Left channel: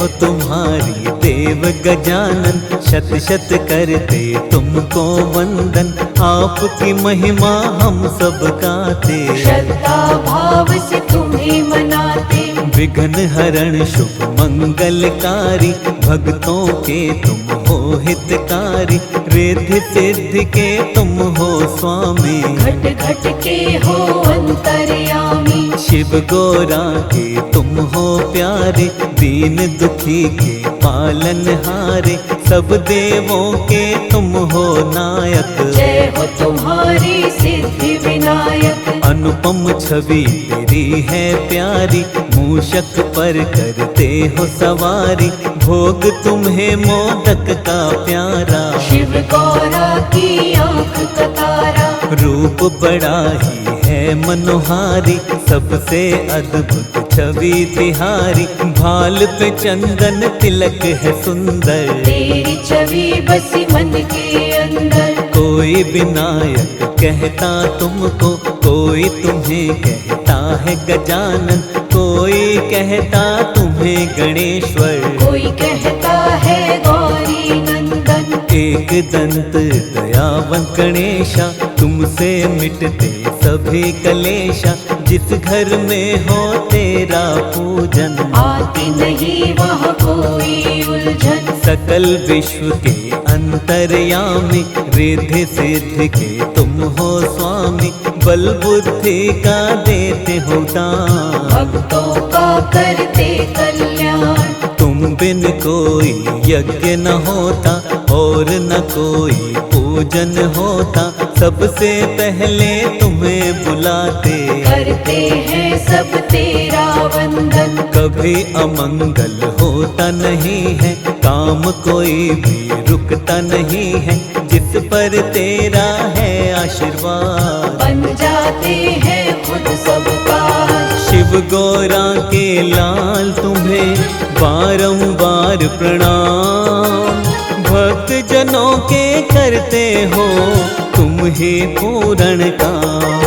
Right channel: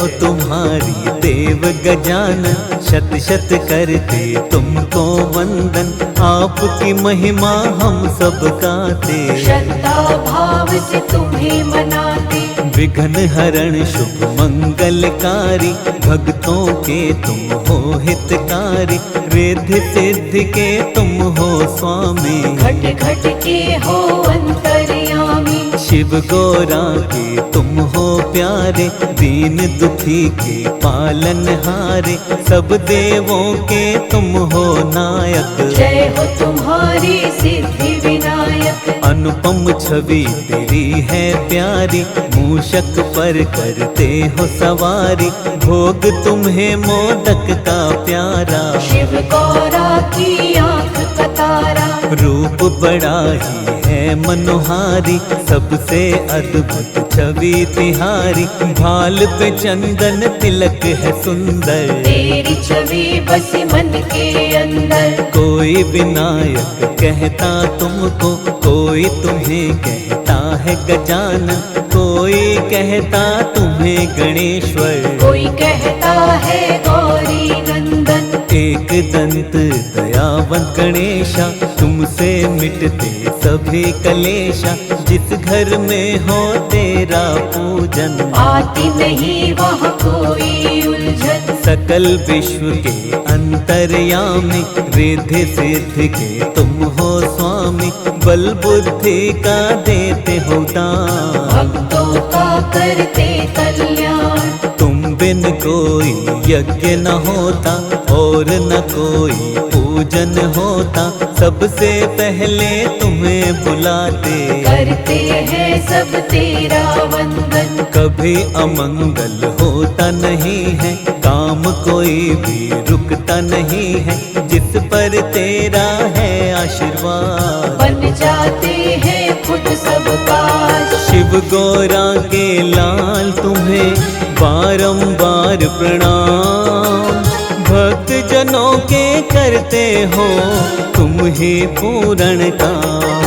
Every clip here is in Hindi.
हो तुम्हारी देव गजानन, शत शत करते तुमको वंदन। आपकी महिमा हम सब गाते, श्रद्धा भाव से तुम्हें मनाते। विघ्न हरण शुभ मंगलकारी, भक्तों के तुम हो हितकारी। रिद्धि सिद्धि के तुम हो स्वामी, घट घट के हो अंतर्यामी। शिव गौरा के तुम हो प्यारे, दीन दुखी के पालनहारे। सब देवों के तुम हो नायक, जय हो तुम्हारी सिद्धि विनायक। अनुपम छवि तेरी है प्यारी, मूषक पर करते हो सवारी। भोग तुम्हें मोदक का प्यारा, शिव गौरा की आँख का तारा। रूप बड़ा ही है मनोहारी, सबसे अद्भुत छवि तिहारी। भाल पे चंदन तिलक है सुंदर, तेरी छवि बसी मन के अंदर। कोई विनायक कहता तुमको, कोई तुम्हें कहता है गजानन। कोई कहता तुम्हें गणेश्वर, कोई कहता है गौरी नंदन। एक दंत दयावंत गणेशा, तुमसे मिटते सभी कलेशा। जिस घर में हो तेरा पूजन, आती नहीं वहाँ कोई उलझन। सकल विश्व के अंतर्यामी, रिद्धि सिद्धि के तुम हो स्वामी। बल बुद्धि का देते हो दान, भक्तों का करते कल्याण। तुम बिन कोई यज्ञ न होता, और न कोई पूजन होता। सबसे पहले तुम्हें बुलाते, करते हैं सब तेरा वंदन। कभी अमंगल होता नहीं है, काम कोई भी रुकता नहीं है। जिस पर तेरा है आशीर्वाद, बन जाते हैं खुद सबका। शिव गौरा के लाल तुम्हें बारंबार प्रणाम। भक्त जनों के करते हो तुम ही पूर्ण काम।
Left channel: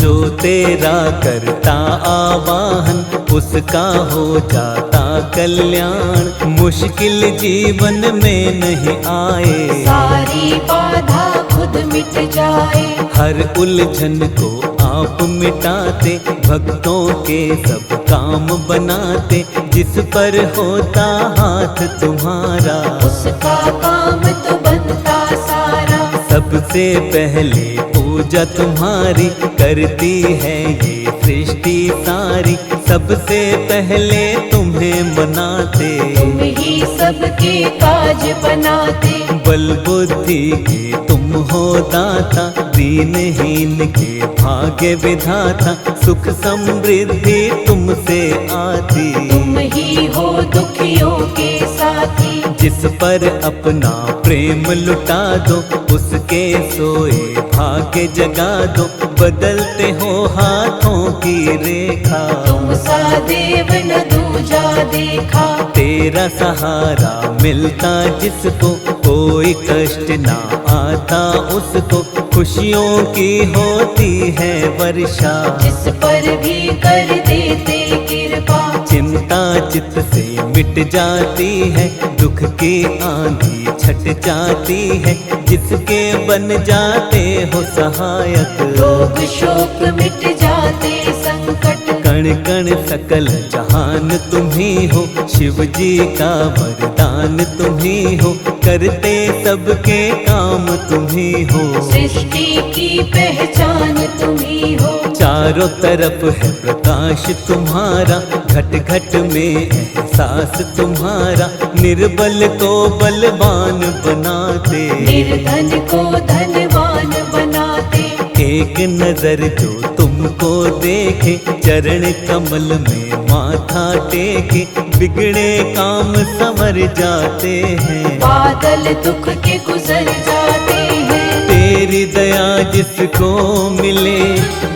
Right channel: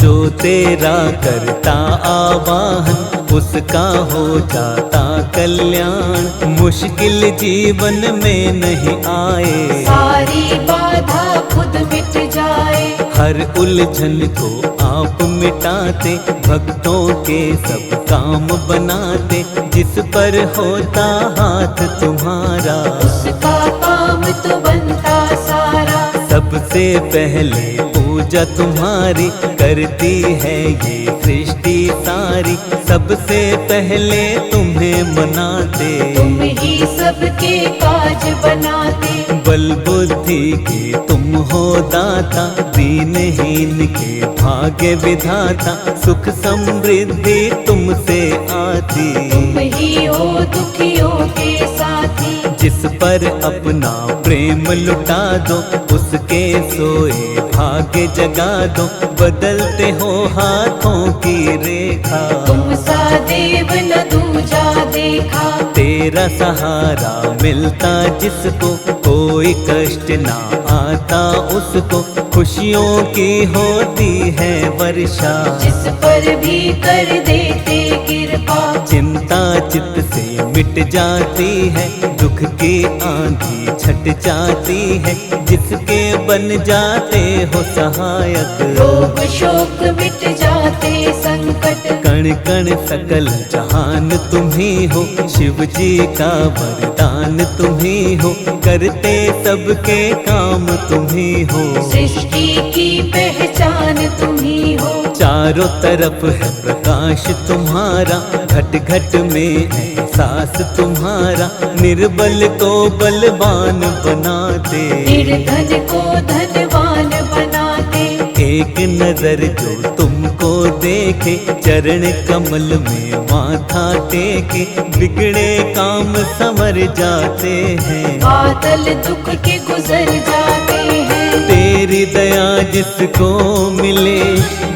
जो तेरा करता आवाहन, उसका हो जाता कल्याण। मुश्किल जीवन में नहीं आए, सारी बाधा खुद मिट जाए। हर उलझन को आप मिटाते, भक्तों के सब काम बनाते। जिस पर होता हाथ तुम्हारा, उसका काम तो बनता सारा। सबसे पहले पूजा तुम्हारी, करती है ये सृष्टि सारी। सबसे पहले तुम्हें मनाते, तुम ही सबके काज बनाते। बल बुद्धि के तुम हो दाता, दीनहीन के भाग्य विधाता। सुख समृद्धि तुमसे आती, तुम ही हो दुखियों के साथी। जिस पर अपना प्रेम लुटा दो, उसके सोए भाग्य जगा दो। बदलते हो हाथों की रेखा, तुम सा देव न दूजा देखा। तेरा सहारा मिलता जिसको, कोई कष्ट ना आता उसको। खुशियों की होती है वर्षा, जिस पर भी कर देते कृपा। चिंता चित्त से मिट जाती है, दुख की आंधी छट जाती है। जिसके बन जाते हो सहायक, रोग शोक मिट जाते संकट। कण कण सकल जहान तुम ही हो, शिव जी का वरदान तुम ही हो। करते सबके काम तुम ही हो, सृष्टि की पहचान तुम ही हो। चारों तरफ है प्रकाश तुम्हारा, घट घट में एहसास तुम्हारा। निर्बल को बलवान बनाते, निर्धन को धनवान बनाते। एक नजर जो तुमको देखे, चरण कमल में माथा टेके। बिगड़े काम संवर जाते हैं, बादल दुख के गुजर जाते हैं। तेरी दया जिसको मिले,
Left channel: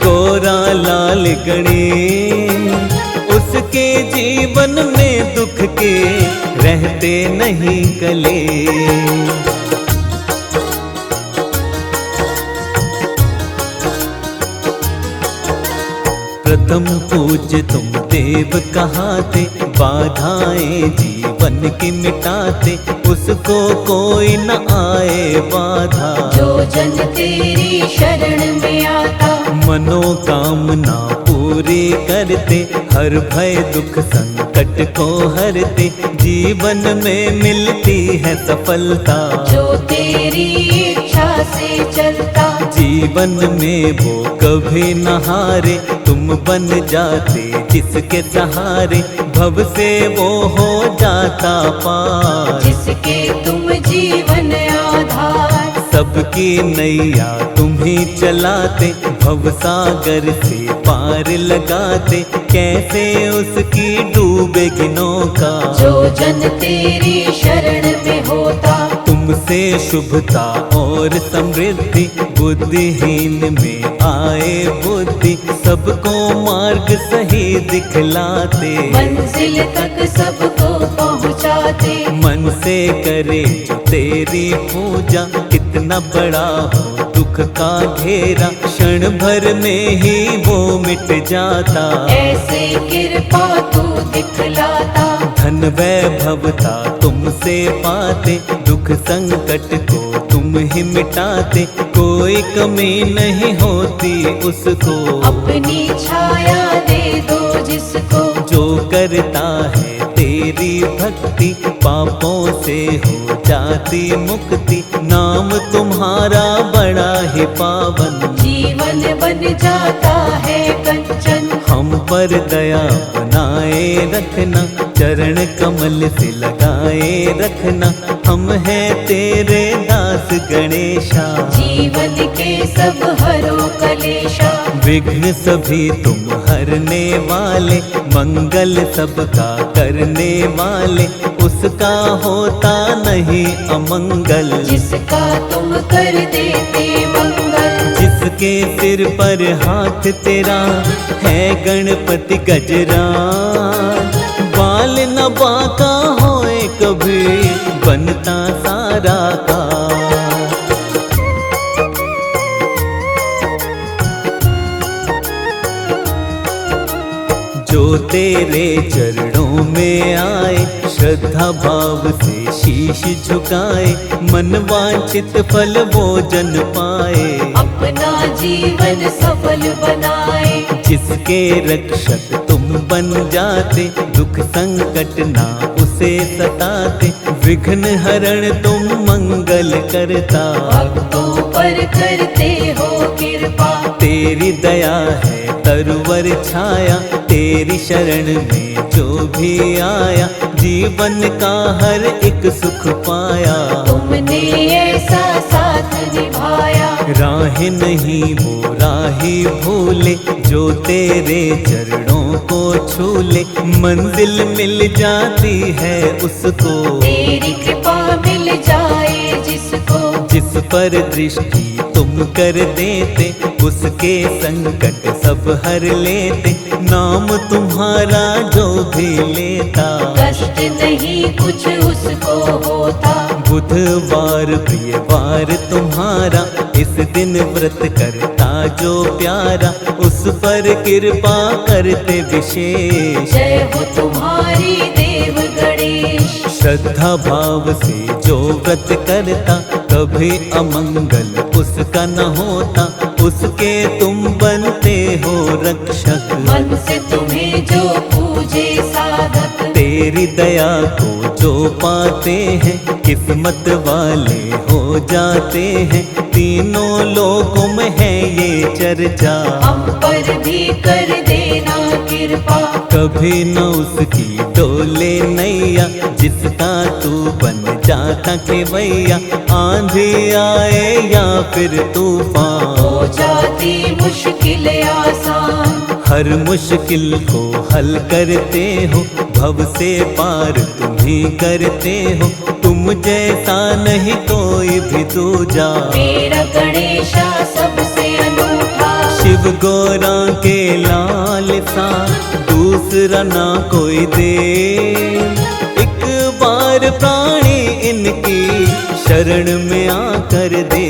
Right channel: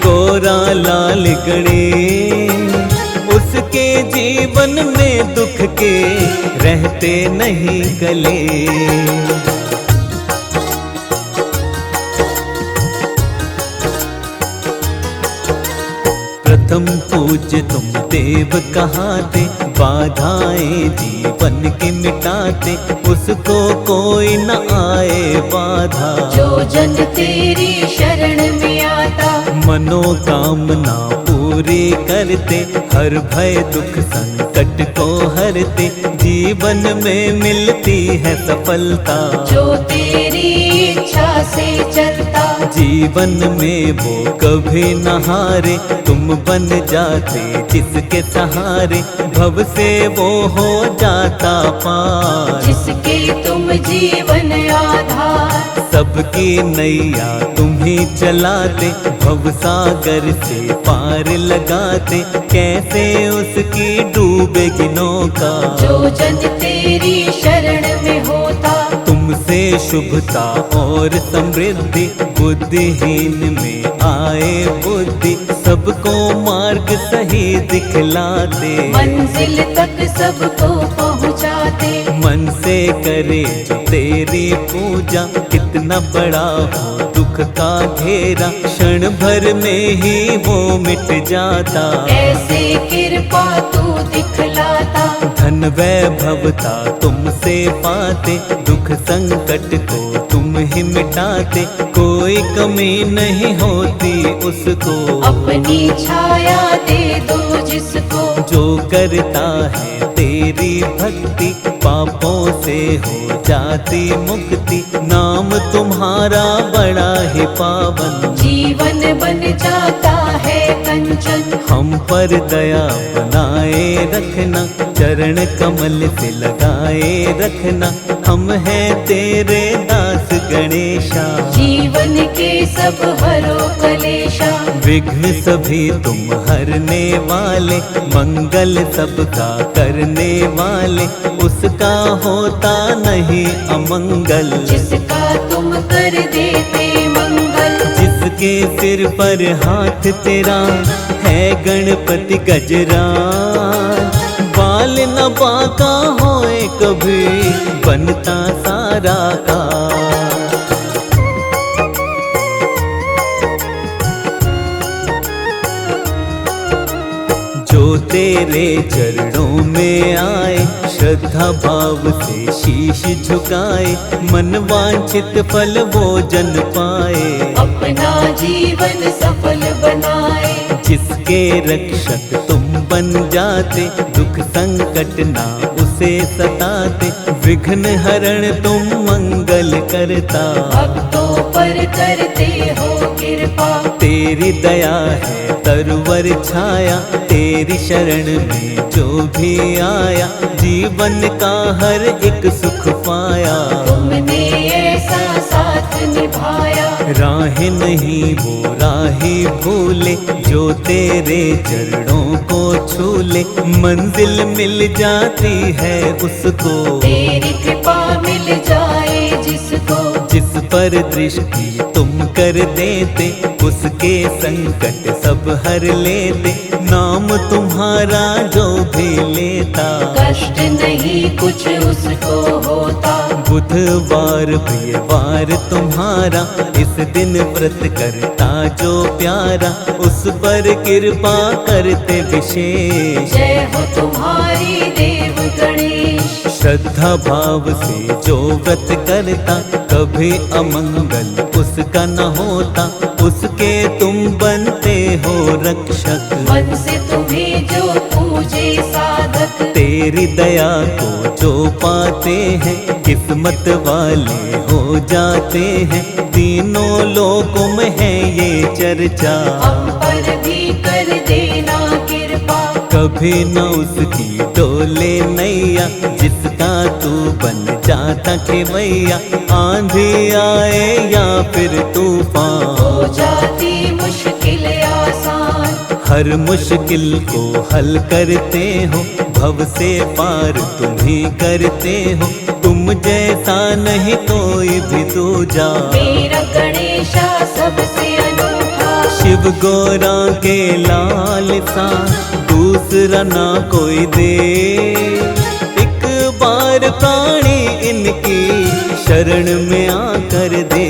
गोरा लाल गणेश। उसके जीवन में दुख के रहते नहीं कले। प्रथम पूज्य तुम देव कहाते, बाधाएं जीवन की मिटाते, उसको कोई न आए बाधा। जो जन तेरी शरण में आता, मनोकामना पूरी करते, हर भय दुख संकट को हरते, जीवन में मिलती है सफलता। जो तेरी इच्छा से चलता, जीवन में वो कभी न हारे, तुम बन जाते जिसके सहारे, भव से वो हो जाता पार। जिसके तुम जीवन आधार, सबकी नैया तुम ही चलाते, भव सागर से पार लगाते, कैसे उसकी डूबेगी नौका। जो जन तेरी शरण में होता, तुमसे शुभता और समृद्धि, बुद्धिहीन में आए बुद्धि, सबको मार्ग सही दिखलाते। मंजिल तक सबको पहुँचाते, मन से करे जो तेरी पूजा, कितना बड़ा हो दुख का घेरा, क्षण भर में ही वो मिट जाता। ऐसे कृपा तू दिखलाता, धन वैभवता तुमसे पाते, दुख संकट को तुम ही मिटाते, कोई कमी नहीं होती उसको। अपनी छाया दे दो जिसको, जो करता है तेरी भक्ति, पापों से हो जाती मुक्ति, नाम तुम्हारा बड़ा ही पावन। जीवन बन जाता है कंचन, हम पर दया बनाए रखना, चरण कमल से लगाए रखना, हम हैं तेरे दास गणेशा। जीवन के सब हरो कलेशा, विघ्न सभी तुम हरने वाले, मंगल सबका करने वाले, उसका होता नहीं अमंगल। जिसका तुम कर देते मंगल, जिसके सिर पर हाथ तेरा है गणपति गजराज, बाल न बाका होए कभी, बनता सारा का। जो तेरे चरणों में आए, श्रद्धा भाव से शीश झुकाए, मन वांछित फल वो जन पाए। अपना जीवन सफल बनाए, जिसके रक्षक तुम बन जाते, दुख संकट ना उसे सताते, विघ्न हरण तुम मंगल करता। भक्तों पर करते हो कृपा, तेरी दया है तरवर छाया, तेरी शरण में जो भी आया, जीवन का हर एक सुख पाया। तुमने ऐसा साथ निभाया, राह नहीं वो राही भूले, जो तेरे चरणों को छूले, मंजिल मिल जाती है उसको। तेरी कृपा मिल जाए जिसको, जिस पर दृष्टि तुम कर देते, उसके संकट सब हर लेते, नाम तुम्हारा जो भी लेता। कष्ट नहीं कुछ उसको होता, बुधवार प्रियवार तुम्हारा, इस दिन व्रत करता जो प्यारा, उस पर कृपा करते विशेष। जय हो तुम्हारी देव गणेश, श्रद्धा भाव से जो व्रत करता, कभी अमंगल उसका न होता, उसके तुम बनते हो रक्षक। मन से तुम्हें जो पूजे साधक, तेरी दया को जो पाते हैं, किस्मत वाले हो जाते हैं, तीनों लोकों में है ये चर्चा। हम पर भी कर देना कृपा, कभी न उसकी डोले नैया, जिसका तू बन जाता खेवैया, आंधी आए या फिर तूफान, हो जाती मुश्किल आसान। हर मुश्किल को हल करते हो, भव से पार तुम ही करते हो, तुम जैसा नहीं कोई भी दूजा। मेरा गणेशा सबसे अनूठा, शिव गौरा के लाल सा दूसरा ना कोई दे, एक बार प्राणी इनकी शरण में आकर दे।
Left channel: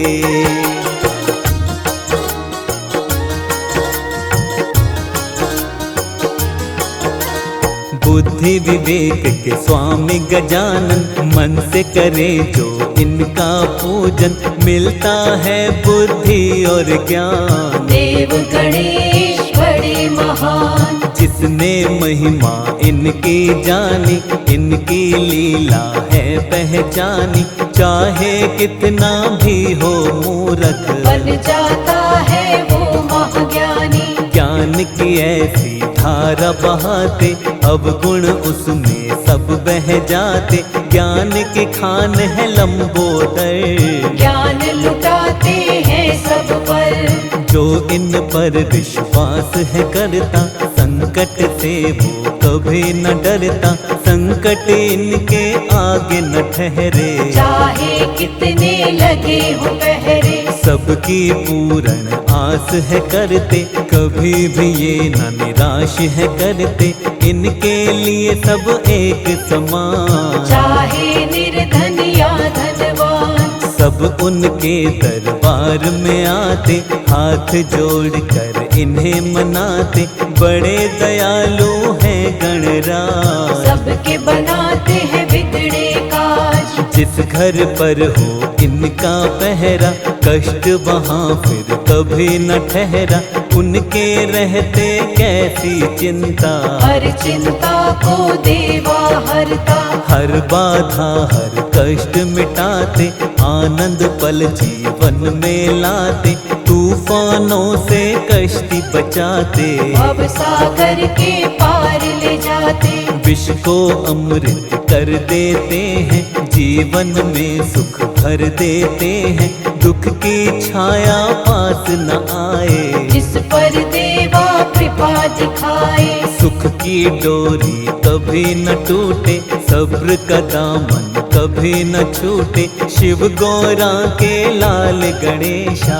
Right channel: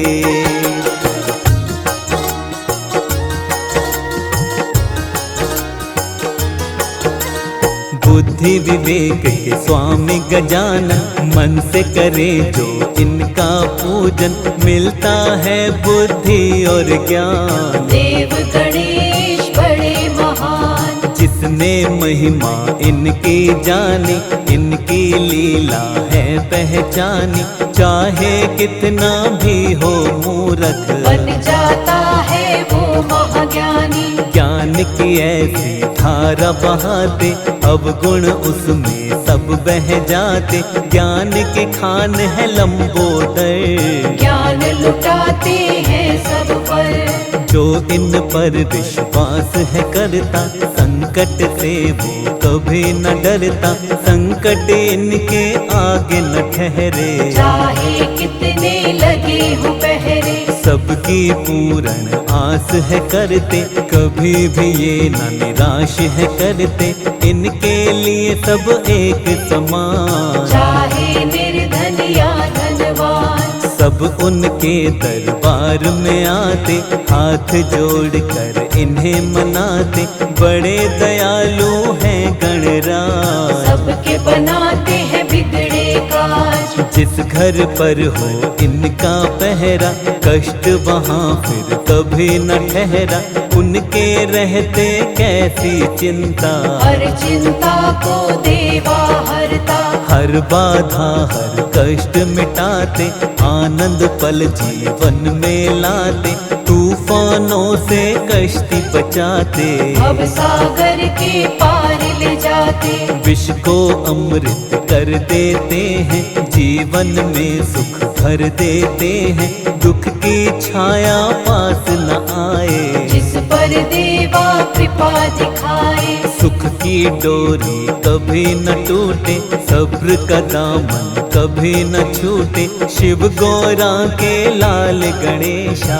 बुद्धि विवेक के स्वामी गजानन, मन से करे जो इनका पूजन, मिलता है बुद्धि और ज्ञान। देव गणेश बड़े महान, जिसने महिमा इनकी जानी, इनकी लीला है पहचानी, चाहे कितना भी हो मूर्ख, बन जाता है वो महाज्ञानी। ज्ञान की ऐसी धारा बहाते, अवगुण उसमें सब बह जाते, ज्ञान की खान है लंबोदर। ज्ञान लुटाते हैं सब पर, जो इन पर विश्वास है करता, संकट से वो कभी न डरता, संकट इनके आगे न ठहरे, चाहे कितने लगे हो पहरे। सबकी पूर्ण आस है करते, कभी भी ये न निराश है करते, इनके लिए सब एक समान। चाहे निर्धन या धनवान, सब उनके दरबार में आते, हाथ जोड़कर इन्हें मनाते, बड़े दयालु हैं गणराज। सबके बनाते हैं बिगड़े काज, जिस घर पर हो इनका पहरा, कष्ट वहाँ फिर कभी न ठहरा, उनके रहते कैसी चिंता। हर चिंता को देवा हरता, हर बाधा हर कष्ट मिटाते, आनंद पल जीवन में लाते, तूफानों से कश्ती बचाते, अब सागर के पार ले जाते। विष को अमृत कर देते हैं, जीवन में सुख भर देते हैं, दुख की छाया पास न आए, जिस पर देवा कृपा दिखाए। सुख की डोरी कभी न टूटे, सब्र का दामन कभी न छूटे, शिव गौरा के लाल गणेशा।